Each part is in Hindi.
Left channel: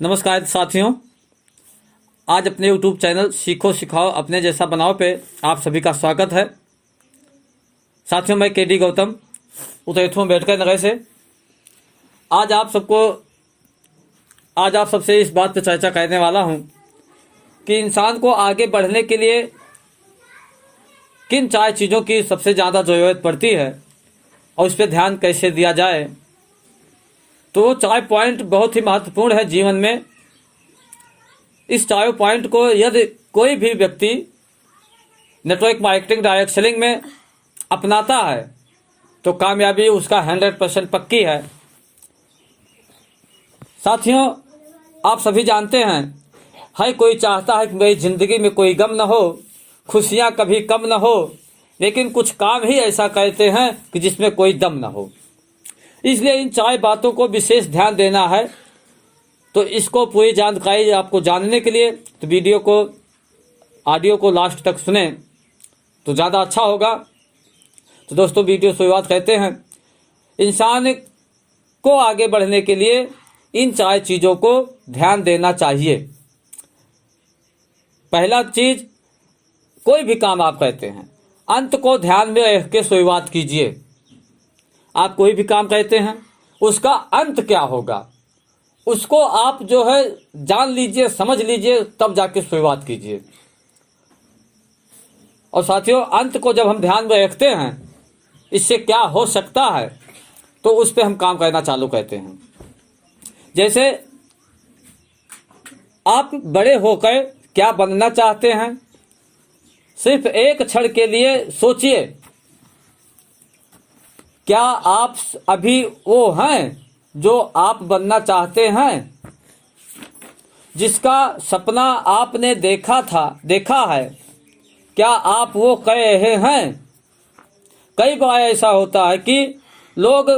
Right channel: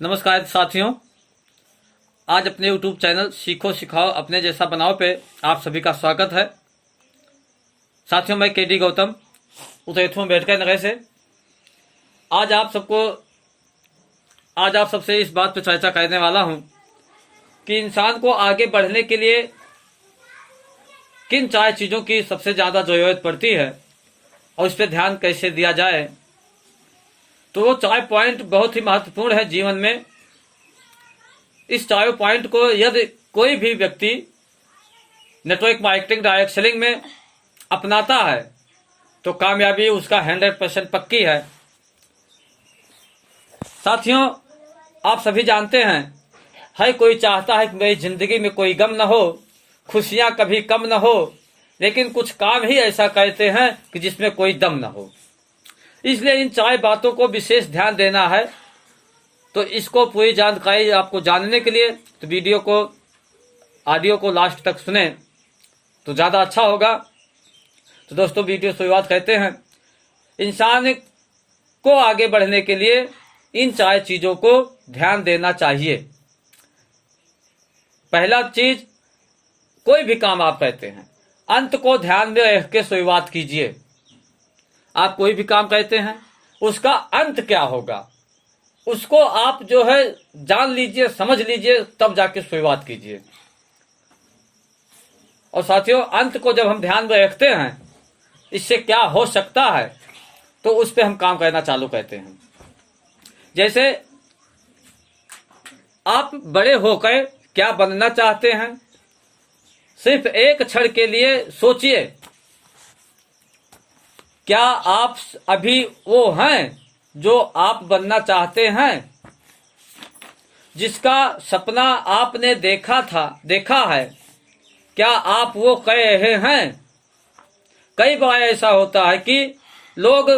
नमस्कार साथियों, आज अपने YouTube चैनल सीखो सिखाओ अपने जैसा बनाओ पे आप सभी का स्वागत है। साथियों, मैं केडी गौतम उतैथू बैठकर नगर से आज आप सबसे इस बात पर चर्चा करने वाला हूं कि इंसान को आगे बढ़ने के लिए किन 4 चीज़ों की सबसे ज़्यादा ज़रूरत पड़ती है और उस पर ध्यान कैसे दिया जाए। तो वो 4 पॉइंट बहुत ही महत्वपूर्ण है जीवन में। इस 4 पॉइंट को यदि कोई भी व्यक्ति नेटवर्क मार्केटिंग डायरेक्ट सेलिंग में अपनाता है तो कामयाबी उसका 100% पक्की है। साथियों, आप सभी जानते हैं, हर कोई चाहता है कि मेरी जिंदगी में कोई गम न हो, खुशियां कभी कम न हो, लेकिन कुछ काम ही ऐसा करते हैं कि जिसमें कोई दम न हो। इसलिए इन 4 बातों को विशेष ध्यान देना है। तो इसको पूरी जानकारी आपको जानने के लिए तो ऑडियो को लास्ट तक सुने तो ज़्यादा अच्छा होगा। तो दोस्तों, वीडियो शुरुआत करते हैं। इंसान को आगे बढ़ने के लिए इन 4 चीज़ों को ध्यान देना चाहिए। पहला चीज, कोई भी काम आप करते हैं अंत को ध्यान में रख के शुरुआत कीजिए। आप कोई भी काम करते हैं उसका अंत क्या होगा उसको आप जो है जान लीजिए, समझ लीजिए, तब जाके शुरुआत कीजिए। और साथियों, अंत को जब हम ध्यान में रखते हैं इससे क्या हो सकता है तो उस पर हम काम करना चालू करते हैं। जैसे आप बड़े होकर क्या बनना चाहते हैं, सिर्फ एक क्षण के लिए सोचिए, क्या आप अभी वो हैं जो आप बनना चाहते हैं? जिसका सपना आपने देखा है, क्या आप वो कर रहे हैं? कई बार ऐसा होता है कि लोग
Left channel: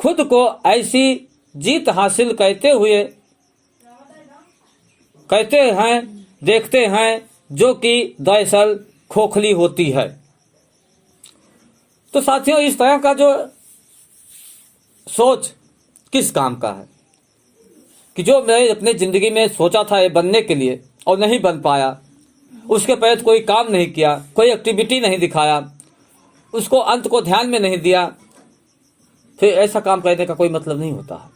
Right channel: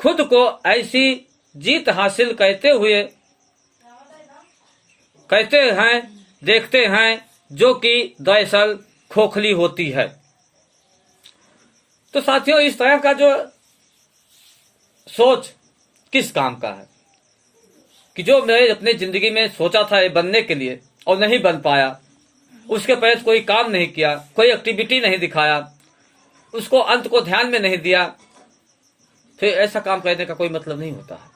खुद को ऐसी जीत हासिल देखते हैं जो कि दरअसल खोखली होती है। तो साथियों, इस तरह का जो सोच किस काम का है कि जो मैं अपने जिंदगी में सोचा था ये बनने के लिए और नहीं बन पाया, उसके तहत कोई काम नहीं किया, कोई एक्टिविटी नहीं दिखाया, उसको अंत को ध्यान में नहीं दिया, फिर ऐसा काम करने का कोई मतलब नहीं होता है।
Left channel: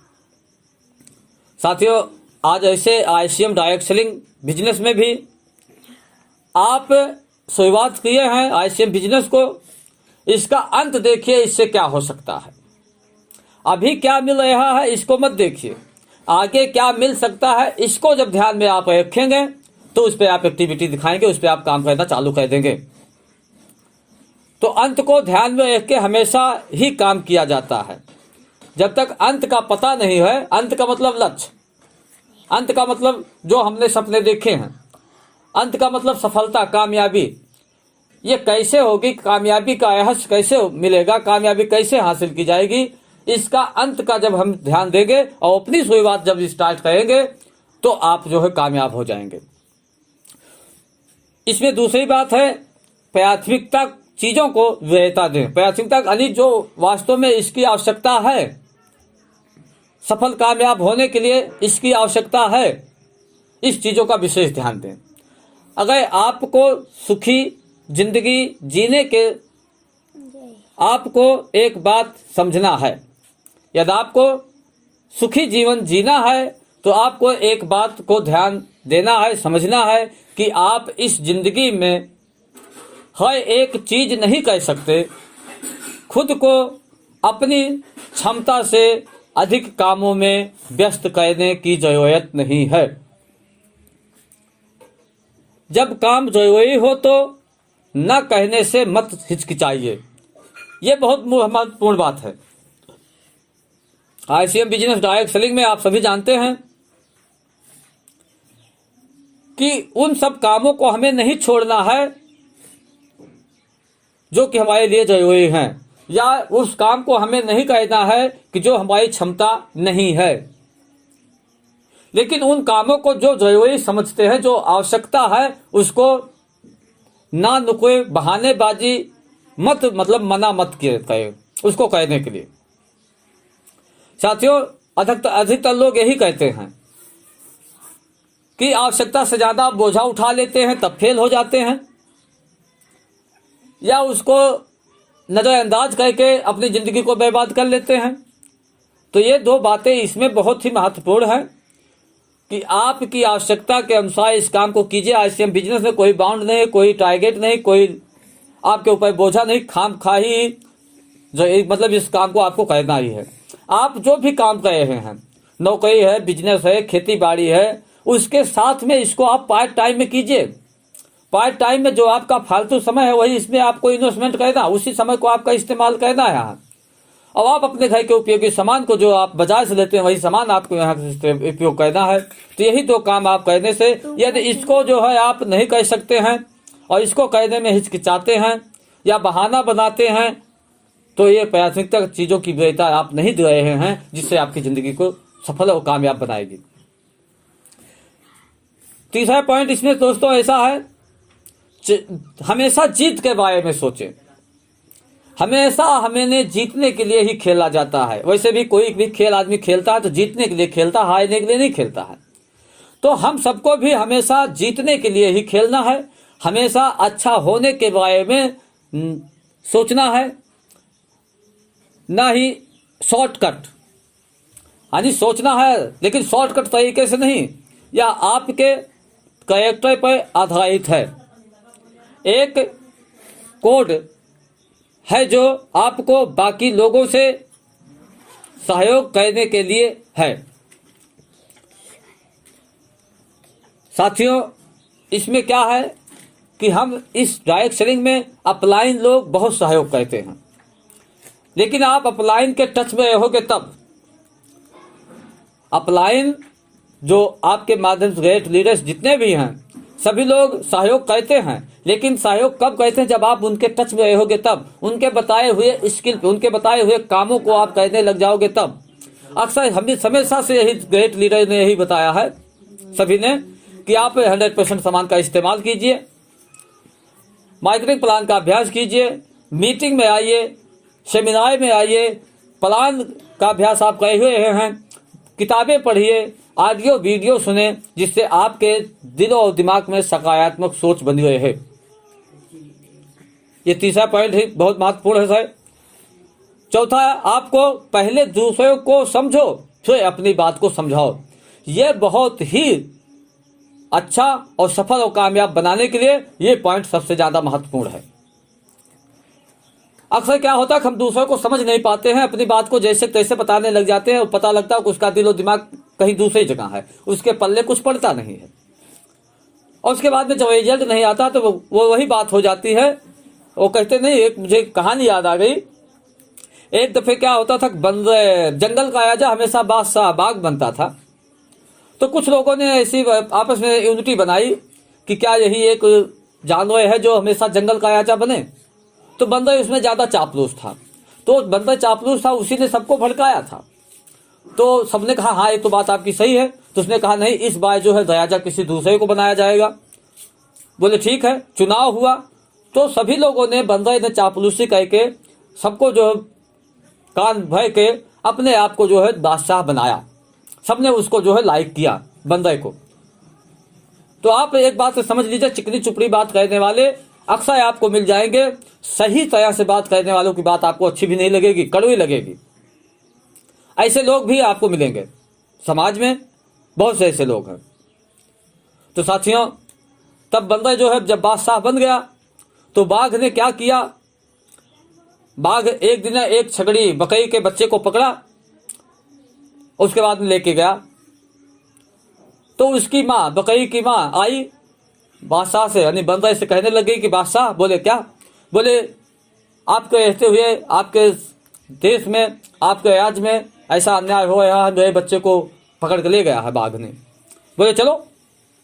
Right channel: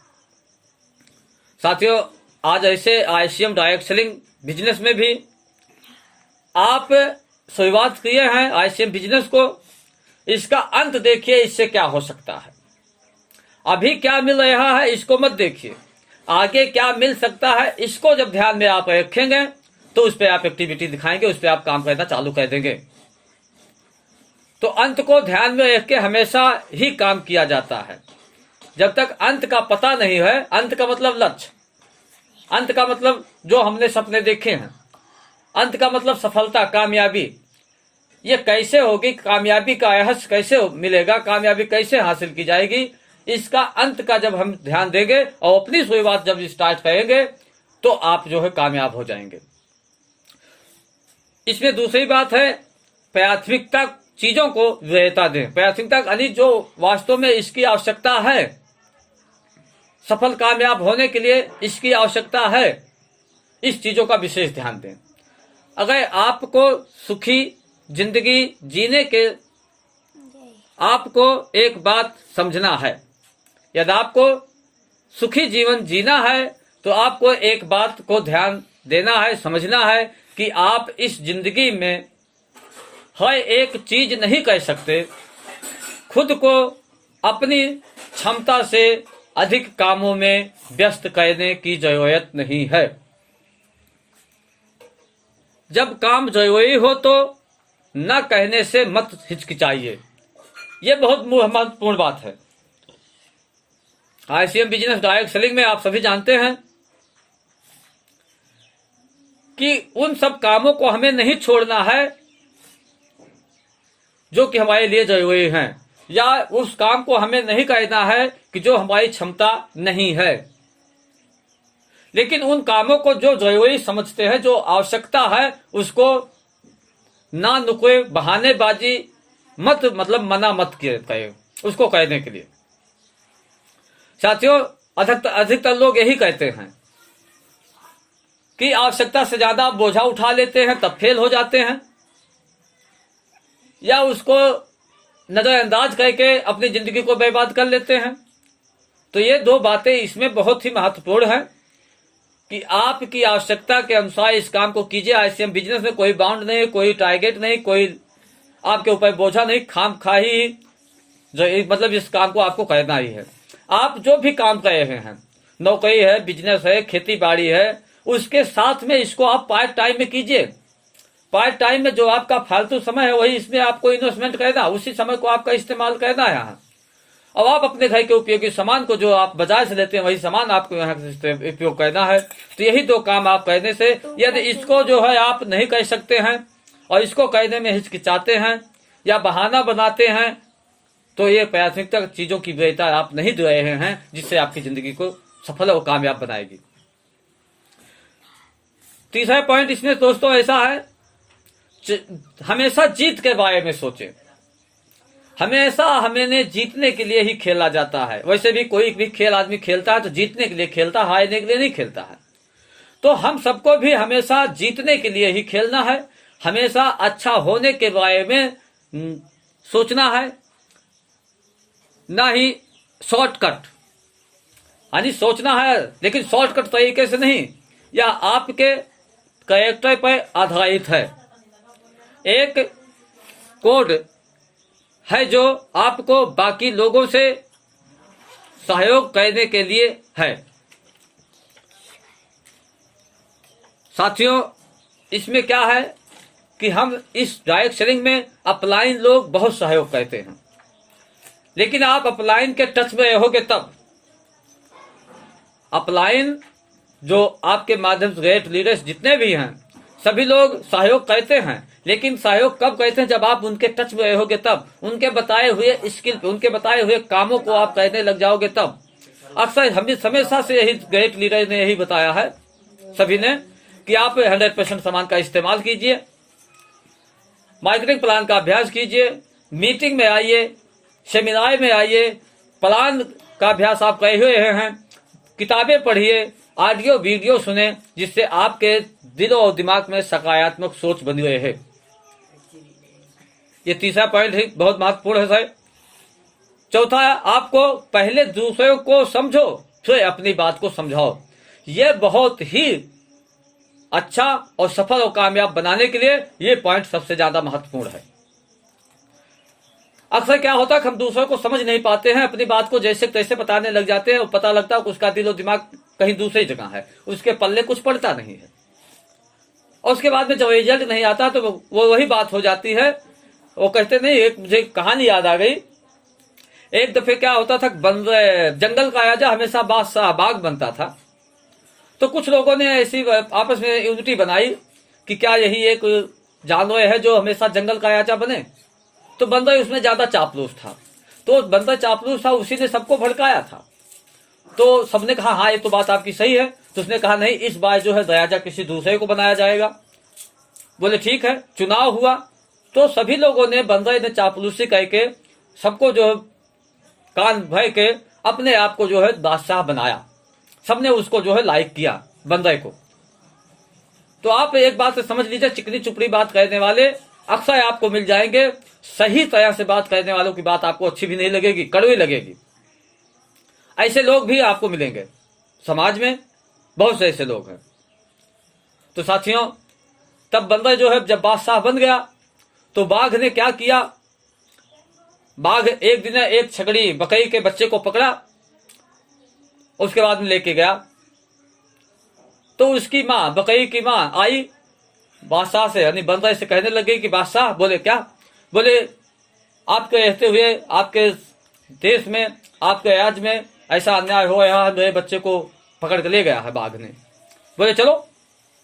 साथियों, आज ऐसे ICM डायरेक्ट सेलिंग बिजनेस में भी आप शुरुआत किए हैं ICM बिजनेस को, इसका अंत देखिए, इससे क्या हो सकता है। अभी क्या मिल रहा है इसको मत देखिए, आगे क्या मिल सकता है इसको जब ध्यान में आप रखेंगे तो उस पर आप एक्टिविटी दिखाएंगे, उस पर आप काम करना चालू कर देंगे। तो अंत को ध्यान में रख के हमेशा ही काम किया जाता है। जब तक अंत का पता नहीं है, अंत का मतलब लक्ष्य, अंत का मतलब जो हमने सपने देखे हैं, अंत का मतलब सफलता, कामयाबी, ये कैसे होगी, कामयाबी का रहस्य कैसे मिलेगा, कामयाबी कैसे हासिल की जाएगी, इसका अंत का जब हम ध्यान देंगे और अपनी शुरुआत जब स्टार्ट करेंगे तो आप जो है कामयाब हो जाएंगे। इसमें दूसरी बात है, प्राथमिकता चीजों को वरीयता दें। प्राथमिकता यानी जो वास्तव में इसकी आवश्यकता है, सफल कामयाब होने के लिए इसकी आवश्यकता है, इस चीजों का विशेष ध्यान दें। अगर आपको सुखी जिंदगी जीने के आपको एक बात समझना है, यदि आपको सुखी जीवन जीना है तो आपको एक बात को ध्यान देना है, समझना है कि आप इस जिंदगी में हर एक चीज नहीं कर सकते। खुद को अपनी क्षमता से अधिक कामों में व्यस्त करने की जरूरत नहीं है। जब काम जरूरी हो तो न कहने से मत हिचकिचाइए। यह बहुत महत्वपूर्ण बात है। ICM बिजनेस डायरेक्ट सेलिंग में आप सभी जानते हैं कि उन सब कामों को हमें नहीं छोड़ना है जो कि हमारे लिए जरूरी हैं, या उस काम को हमें नहीं करना है कि जो हमारी क्षमता नहीं है, लेकिन उन कामों को जो जरूरी समझते हैं, जो आवश्यकता है, उसको ना नुक्कड़ बहानेबाजी मना मत करें उसको करने के लिए। साथियों, अधिकतर लोग यही कहते हैं कि आवश्यकता से ज्यादा बोझा उठा लेते हैं तब फेल हो जाते हैं, या उसको नजरअंदाज करके अपनी जिंदगी को बर्बाद कर लेते हैं। तो ये दो बातें इसमें बहुत ही महत्वपूर्ण हैं कि आपकी आवश्यकता के अनुसार इस काम को कीजिए। आईसीएम बिजनेस में कोई बाउंड नहीं, कोई टारगेट नहीं, कोई आपके ऊपर बोझा नहीं, खामखाही जो मतलब इस काम को आपको करना ही है। आप जो भी काम कर रहे हैं, नौकरी है, बिजनेस है, खेती बाड़ी है, उसके साथ में इसको आप पार्ट टाइम में कीजिए। पार्ट टाइम में जो आपका फालतू समय है वही इसमें आपको इन्वेस्टमेंट करना, उसी समय को आपका इस्तेमाल करना है यहाँ। और आप अपने घर के उपयोगी सामान को जो आप बाजार से लेते हैं वही सामान आपको यहाँ उपयोग करना है। तो यही दो काम आप करने से, यदि इसको जो है आप नहीं कर सकते हैं और इसको करने में हिचकिचाते हैं या बहाना बनाते हैं, तो ये प्राथमिकता चीजों की वरीयता आप नहीं दे रहे हैं जिससे आपकी जिंदगी को सफल और कामयाब बनाएगी। तीसरा पॉइंट इसमें दोस्तों ऐसा है, हमेशा जीत के बारे में सोचें। हमेशा हमें जीतने के लिए ही खेला जाता है। वैसे भी कोई भी खेल आदमी खेलता है तो जीतने के लिए खेलता है, हारने के लिए नहीं खेलता है। तो हम सबको भी हमेशा जीतने के लिए ही खेलना है, हमेशा अच्छा होने के बारे में सोचना है, ना ही शॉर्टकट। यानी सोचना है लेकिन शॉर्टकट तरीके से नहीं, या आपके कैरेक्टर पर आधारित है। एक कोड है जो आपको बाकी लोगों से सहयोग करने के लिए है। साथियों, इसमें क्या है कि हम इस डायरेक्ट सेलिंग में अपलाइन लोग बहुत सहयोग करते हैं, लेकिन आप अपलाइन के टच में रहोगे तब। अपलाइन जो आपके माध्यम से ग्रेट लीडर्स जितने भी हैं सभी लोग सहयोग करते हैं, लेकिन सहयोग कब करते हैं? जब आप उनके टच में रहोगे तब, उनके बताए हुए स्किल पे, उनके बताए हुए कामों को आप करने लग जाओगे तब। अक्सर हमें हमेशा से यही ग्रेट लीडर ने यही बताया है सभी ने कि आप 100% सामान का इस्तेमाल कीजिए, मार्केटिंग प्लान का अभ्यास कीजिए, मीटिंग में आइए, सेमिनार में आइए, प्लान का अभ्यास आप कर हुए हैं, किताबें पढ़िए, ऑडियो वीडियो सुने, जिससे आपके दिल और दिमाग में सकारात्मक सोच बनी रहे है। ये तीसरा पॉइंट है, बहुत महत्वपूर्ण है सर। चौथा है, आपको पहले दूसरों को समझो फिर अपनी बात को समझाओ। यह बहुत ही अच्छा और सफल और कामयाब बनाने के लिए ये पॉइंट सबसे ज्यादा महत्वपूर्ण है। अक्सर क्या होता है कि हम दूसरों को समझ नहीं पाते हैं, अपनी बात को जैसे तैसे बताने लग जाते हैं और पता लगता है कि उसका दिल और दिमाग कहीं दूसरी जगह है, उसके पल्ले कुछ पड़ता नहीं है, और उसके बाद में जब रिजल्ट नहीं आता तो वो वही बात हो जाती है। वो कहते नहीं, एक मुझे कहानी याद आ गई। एक दफे क्या होता था, जंगल का राजा हमेशा बादशाह बाग बनता था। तो कुछ लोगों ने ऐसी आपस में यूनिटी बनाई कि क्या यही एक जानवर है जो हमेशा जंगल का राजा बने। तो बंदर उसमें ज्यादा चापलूस था, तो बंदर चापलूस था, उसी ने सबको भड़काया था। तो सबने कहा हाँ ये तो बात आपकी सही है। तो उसने कहा नहीं, इस बार जो है राजा किसी दूसरे को बनाया जाएगा। बोले ठीक है। चुनाव हुआ तो सभी लोगों ने बंदर ने चापलूसी करके सबको जो है कान भर के अपने आप को जो है बादशाह बनाया। सबने उसको जो है लाइक किया बंदर को। तो आप एक बात समझ लीजिए, चिकनी चुपड़ी बात करने वाले अक्सर आपको मिल जाएंगे। सही तरह से बात करने वालों की बात आपको अच्छी भी नहीं लगेगी, कड़वी लगेगी। ऐसे लोग भी आपको मिलेंगे समाज में, बहुत से ऐसे लोग हैं। तो साथियों, तब बंदर जो है जब बादशाह बन गया तो बाघ ने क्या किया, बाघ एक दिन एक छगड़ी बकरी के बच्चे को पकड़ा, उसके बाद में लेके गया। तो उसकी माँ, बकरी की माँ आई बादशाह से, यानी बंदर से कहने लग गई कि बादशाह, बोले क्या? बोले आपके रहते हुए आपके देश में, आपके राज्य में ऐसा अन्याय हो रहा है, मेरे बच्चे को पकड़ के ले गया है बाघ ने। बोले चलो,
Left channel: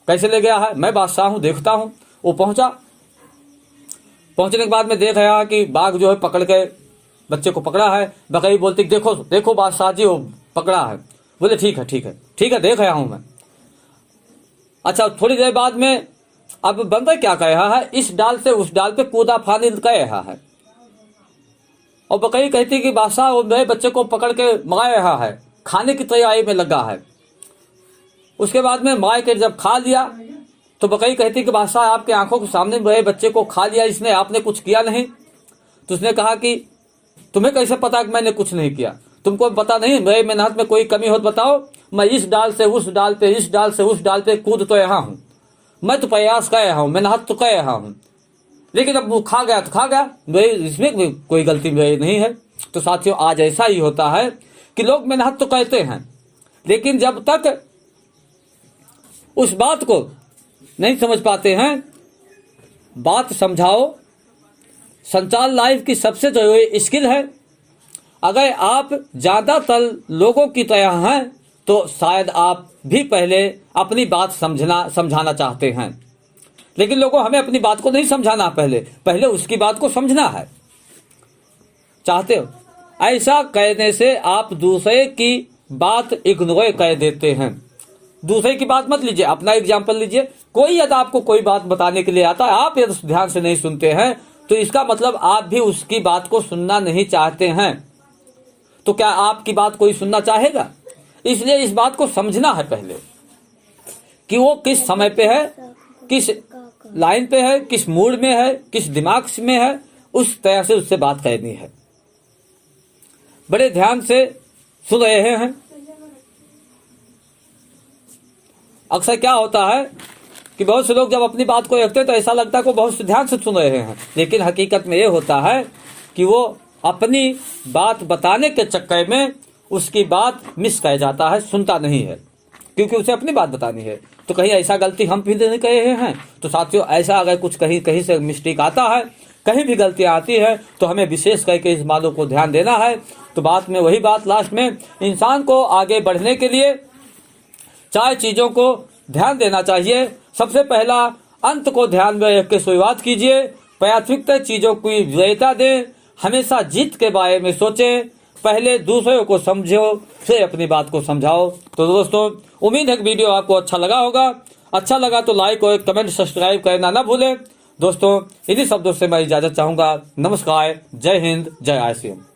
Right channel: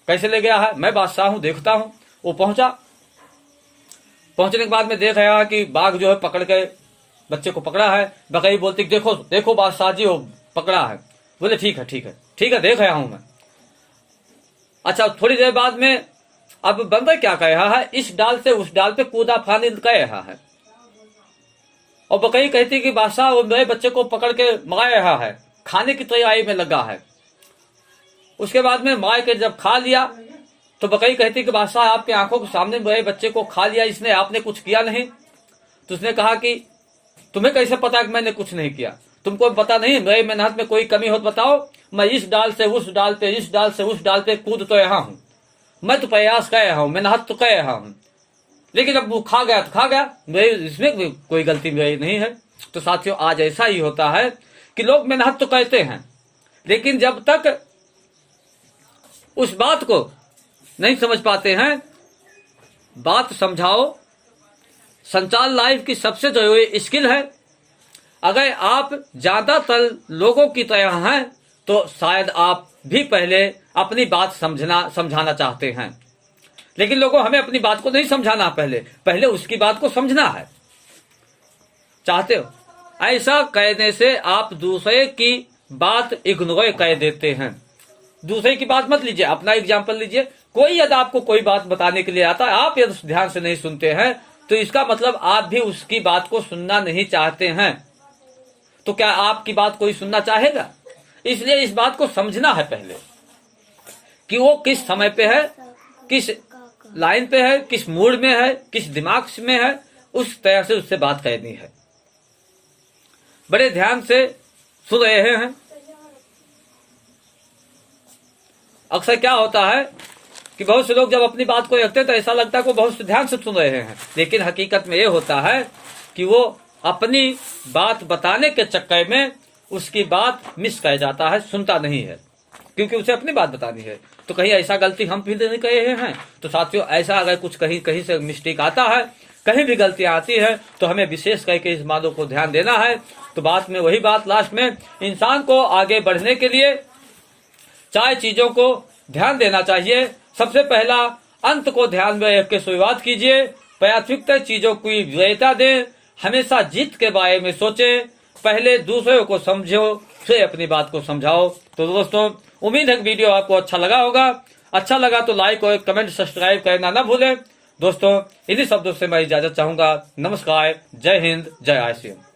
कैसे ले गया है? मैं बादशाह हूँ, देखता हूँ। वो पहुंचा। पहुंचने के बाद में देख रहा कि बाघ जो है पकड़ के बच्चे को पकड़ा है। बकरी बोलती देखो देखो बादशाह जी, वो पकड़ा है। बोले ठीक है ठीक है ठीक है, देख रहा हूं मैं। अच्छा, थोड़ी देर बाद में अब बंदर क्या कह रहा है, इस डाल से उस डाल पे कूदा फानी कह रहा है। और बकरी कहती कि बादशाह वो मेरे बच्चे को पकड़ के मार रहा है, खाने की तैयारी में लगा है। उसके बाद में माँ के जब खा लिया तो बकरी कहती कि बादशाह आपके आंखों के सामने मेरे बच्चे को खा लिया इसने, आपने कुछ किया नहीं। तो उसने कहा कि तुम्हें कैसे पता कि मैंने कुछ नहीं किया, तुमको पता नहीं मेरे मेहनत में कोई कमी हो तो बताओ। मैं इस डाल से उस डाल पे, इस डाल से उस डाल पे कूद तो यहाँ हूँ, मैं तो प्रयास कर रहा हूँ, मेहनत तो कर रहा हूँ, लेकिन अब वो खा गया तो खा गया, मेरी इसमें कोई गलती मेरी नहीं है। तो साथियों आज ऐसा ही होता है कि लोग मेहनत तो करते हैं, लेकिन जब तक उस बात को नहीं समझ पाते हैं, बात समझाओ। संचार लाइफ की सबसे जरूरी स्किल है। अगर आप ज्यादातर लोगों की तरह हैं तो शायद आप भी पहले अपनी बात समझाना चाहते हैं, लेकिन लोगों हमें अपनी बात को नहीं समझाना, पहले उसकी बात को समझना है चाहते हो। ऐसा कहने से आप दूसरे की बात इग्नोर कर देते हैं। दूसरे की बात मत लीजिए, अपना एग्जाम्पल लीजिए। कोई यदि आपको कोई बात बताने के लिए आता है, आप यदि ध्यान से नहीं सुनते हैं तो इसका मतलब आप भी उसकी बात को सुनना नहीं चाहते हैं। तो क्या आपकी बात कोई सुनना चाहेगा? इसलिए इस बात को समझना है पहले कि वो किस समय पे है, किस लाइन पे है, किस मूड में है, किस दिमाग में है, उस तरह से उससे बात करनी है। बड़े ध्यान से सुन रहे हैं। अक्सर क्या होता है कि बहुत से लोग जब अपनी बात को रखते हैं तो ऐसा लगता है कि वो बहुत ध्यान से सुन रहे हैं, लेकिन हकीकत में ये होता है कि वो अपनी बात बताने के चक्कर में उसकी बात मिस कर जाता है, सुनता नहीं है, क्योंकि उसे अपनी बात बतानी है। तो कहीं ऐसा गलती हम भी नहीं कर रहे हैं? तो साथियों ऐसा अगर कुछ कहीं से मिस्टेक आता है, कहीं भी गलती आती है, तो हमें विशेष करके इस बातों को ध्यान देना है। तो बात में वही बात लास्ट में, इंसान को आगे बढ़ने के लिए 4 चीजों को ध्यान देना चाहिए। सबसे पहला, अंत को ध्यान में रख के शुरुआत कीजिए। प्राथमिकता चीजों की वरीयता दें। हमेशा जीत के बारे में सोचें। पहले दूसरों को समझो, फिर अपनी बात को समझाओ। तो दोस्तों उम्मीद है कि वीडियो आपको अच्छा लगा होगा। अच्छा लगा तो लाइक और कमेंट सब्सक्राइब करना ना भूलें। दोस्तों इन्हीं शब्दों से मैं इजाजत चाहूंगा। नमस्कार, जय हिंद, जय आईसीएम।